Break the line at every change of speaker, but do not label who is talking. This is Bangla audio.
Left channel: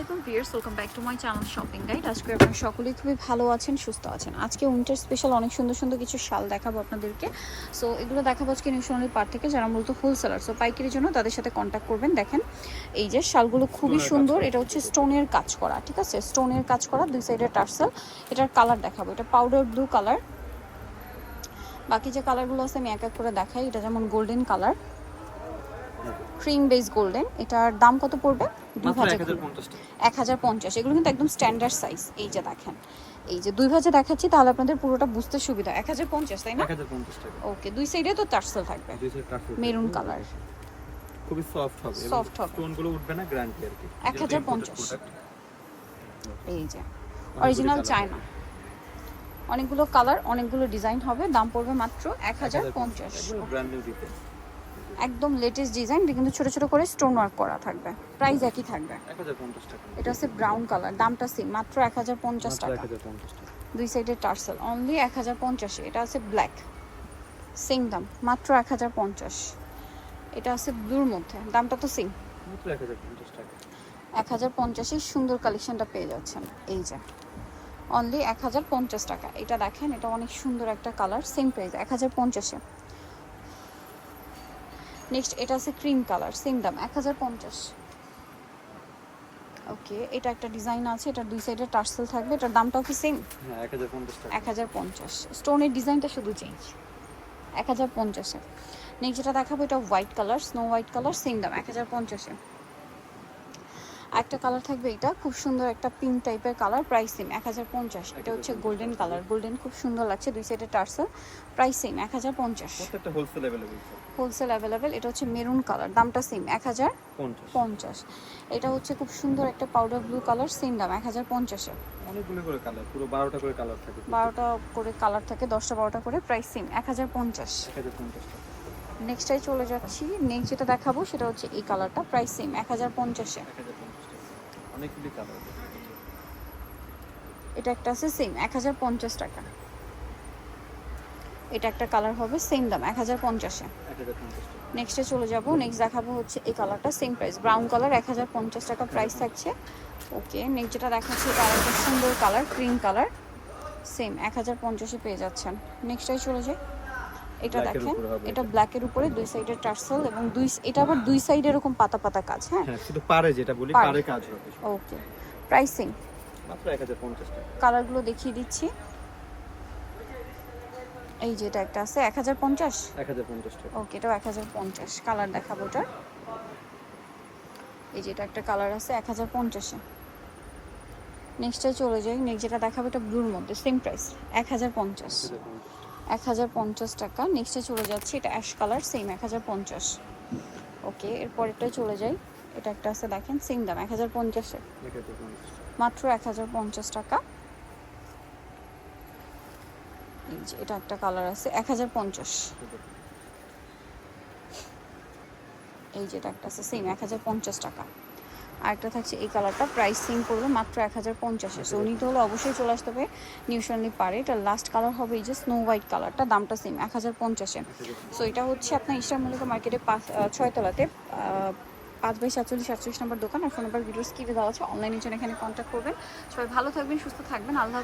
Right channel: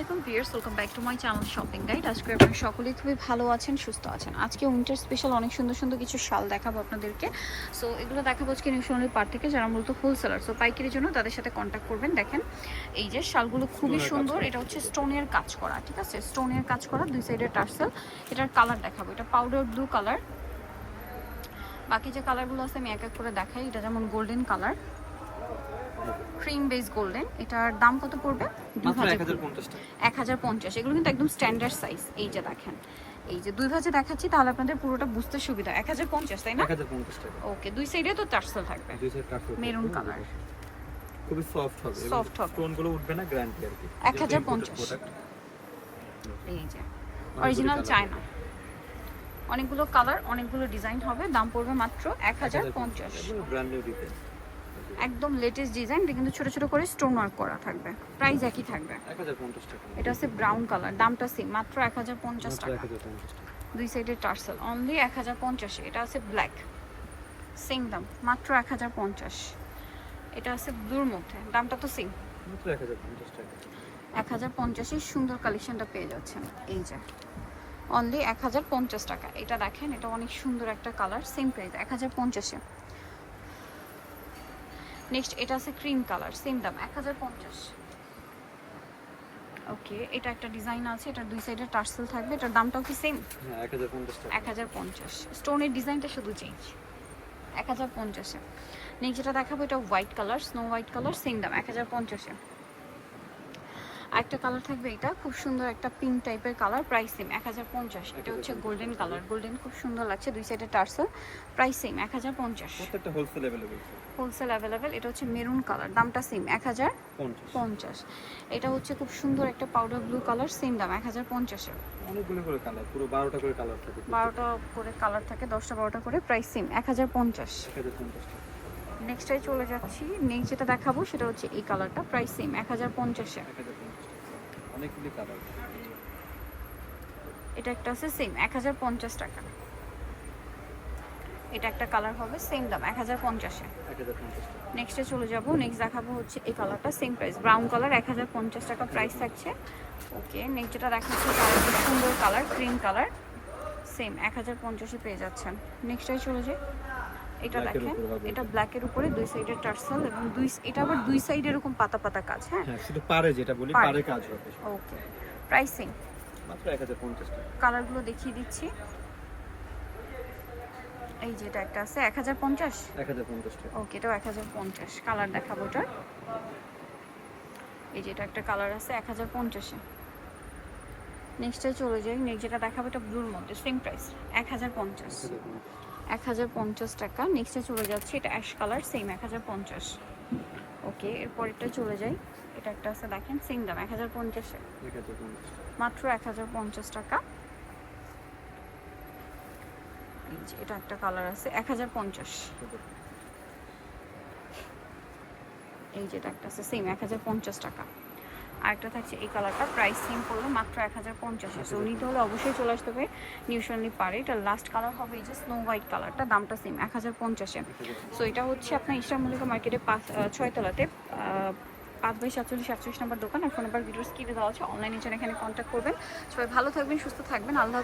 আলাইকুম viewers welcome back to my channel shopping guide আজকে আপনারা সকলেই খুবই ভালো আছেন সুস্থ আছেন। আজকে উইন্টার স্পেশাল অনেক সুন্দর সুন্দর কিছু শাল দেখাবো আপনাদেরকে। সো এগুলো দেখাবো আজকে নিউ সোনালির পার থেকে যারা মূলত হোলসেলার সো পাইকারির জন্য তাদের সাথে কন্ট্যাক্ট করবেন। দেখেন এই যে শালগুলো খুবই সুন্দর। এটা হচ্ছে স্টোনের কাজ করা ঠিক আছে? স্টোনের কাজ করা দুই সাইডে টার্সেল। এটার কালার দেখাবো। এটা পাউডার ব্লু কালার বাকি যে কালারগুলো আছে আমি এক এক করে দেখাই। এটা যেমন golden colour cream base golden এটার দাম কত পড়বে?
এক হাজার পঞ্চাশ
এগুলো কিন্তু একদম স্ট্যান্ডার্ড সাইজ এই যে দেখেন। এই যে দুই ভাজে দেখাচ্ছি তাহলে আপনাদের পুরোটা বুঝতে সুবিধা। এক হাজার পঞ্চাশ তাই না? ওকে দুই সাইডে তো টার্সেল থাকবে। Maroon colour.
খুবই সফট হবে।
Soft হবে।
স্টোনগুলো উঠবে না গ্যারান্টি আর কি।
এক হাজার পঞ্চাশ। এই যে অরিজিনাল চায়না অনেকগুলো কালার অনেকগুলো ডিজাইন হবে। দাম পড়বে মাত্র এক হাজার পঞ্চাশ।
ব্র্যান্ড নিউ ডিজাইন
একদম লেটেস্ট ডিজাইন কিন্তু ছোট ছোট করে স্টোন ওয়ার্ক করা থাকবে। প্রাইস একই থাকবে। এটা হচ্ছে ব্রাউন কালার দামটা সেম মাত্র এক হাজার পঞ্চাশ টাকা। দুই সাইডে টার্সেল অনলি এক হাজার পঞ্চাশে। এটা আছে ব্ল্যাক সেম দাম মাত্র এক হাজার পঞ্চাশ। এটা আছে ব্লুর মধ্যে দামটা তো সেম
এক হাজার পঞ্চাশে
সুন্দর কালেকশনটা পেয়ে যাচ্ছেন এই যে। অনলি এক হাজার পঞ্চাশ টাকা। এটা দেখেন এটা অনেক সুন্দর একটা কালার সেম প্রাইস এক হাজার পঞ্চাশে। নেক্সট এটা আছে ক্রিম কালার সেম দাম এক হাজার পঞ্চাশ। ওকে এটা একটা ডিজাইন আছে এটার দুই সাইডে টার্সেল থাকবে এটার দামটাও কি সেম
হ্যাঁ এক হাজার পঞ্চাশ
এক হাজার পঞ্চাশ। স্টোনের ডিজাইনটা শুধু চেঞ্জ এক হাজার পঞ্চাশে নেক্সট যেটা দেখাবো এটা white colour snow white colour same দাম এক হাজার পঞ্চাশে একটা কালার থাকবে এটা খুব সুন্দর একটা পিঙ্ক টাইপের কালার প্রাইস সেম এক হাজার পঞ্চাশ। এটা হচ্ছে গোল্ডেন কালার গোল্ডেন খুব সুন্দর লাগছে দুই সাইডে টার্সেল প্রাইস সেম এক হাজার পঞ্চাশ।
হোলসেল অ্যাভেলেবল
হোলসেল অ্যাভেলেবেল এটা হচ্ছে মেরুন কালার দামটা সেম এক হাজার
পঞ্চাশ।
এটা হচ্ছে খুব সুন্দর একটা পাউডার ব্লু কালার সেম দাম এক হাজার পঞ্চাশে
অনেকগুলো করে কালার পুরো বারোটা করে কালার থাকে
বারোটা করে কালার থাকে দশটা বারোটা করে প্রাইস সেম এক হাজার পঞ্চাশ।
এক হাজার পঞ্চাশ
নেক্সটটাই চলে যাচ্ছি নেক্সট যেটা দেখাবো সেটা হচ্ছে এই কালারটা প্রাইস সেম এক হাজার পঞ্চাশে
এক হাজার অনেকগুলি কালার।
এটা একটা আছে সেম এক হাজার পঞ্চাশ টাকা। এটা একটা কালার হবে সেম দাম এক হাজার পঞ্চাশে। নেক্সটে চলে যাব নেক্সট দেখাবো হচ্ছে এই কালারটা সেম প্রাইস ব্রাউন কালার এক হাজার পঞ্চাশ টাকা প্রাইস থাকছে। ওকে নেক্সট যেটা দেখাচ্ছি কালারটা সুন্দর কালার ক্রিম কালার সেম এক হাজার পঞ্চাশে পেয়ে যাচ্ছেন। নেক্সটটাই চলে যায় এটা দেখেন এটা। ব্ল্যাকের উপরে দুই সাইডের টার্সেল এবং দুই এটা আবার দুই সাইড এরকম পাতা পাতা কাজ হ্যাঁ?
হ্যাঁ শুধু পারে যেটা বলি পারে কাজ হবে।
ওকে প্রাইসিং
মাত্র এক হাজার পঞ্চাশ টাকা।
কালারগুলো দেখিয়ে দিচ্ছি। এই যে এটা একটা আছে এক হাজার পঞ্চাশ?
এক হাজার পঞ্চাশ টাকা।
ওকে এটাও এক হাজার পঞ্চাশ কালার দেখাবো ওটার। এই যেটা একটা কালার আছে এক হাজার পঞ্চাশে। নেক্সটে চলে যাই নেক্সট যেটা দেখাবো এটা ব্লুর মধ্যে সেম প্রাইস এক হাজার পঞ্চাশ।
এক হাজার পঞ্চাশ
টাকা। নেক্সটে চলে যাচ্ছে এটা অ্যাশ কালার সেম এক হাজার পঞ্চাশ। ওকে এরপরেরটাই চলে যাই। এটা একটা আছে দেখেন সেম দাম এক হাজার পঞ্চাশ। মাত্র এক হাজার পঞ্চাশ টাকা। এই যে এটা একটা কালার আছে এক হাজার পঞ্চাশ। এই যে এটা একটা আছে সেম এক হাজার পঞ্চাশ টাকা। আর একটা থাকছে এই কালারটা প্রাইস সেম পড়বে মাত্র এক হাজার পঞ্চাশে। সো নিতে হলে অবশ্যই চলে আসতে হবে নিউশনলি পারে। এটা লাস্ট কালার হবে এই যে স্নো হোয়াইট কালারটা দামটা সেম এক হাজার পঞ্চাশে। সো এটা হচ্ছে আপনার ইস্টার মল্লিকা মার্কেটে পাঁচ ছয়তলাতে পাঁচ বাই সাতচল্লিশ সাতচল্লিশ নম্বর দোকান। আর ফোন নাম্বার ভিডিও স্কিপে দেওয়া আছে অনলাইনের জন্য এখানে কন্ট্যাক্ট করবেন। সবাই ভালো থাকবেন সুস্থ থাকবেন। আল্লাহ।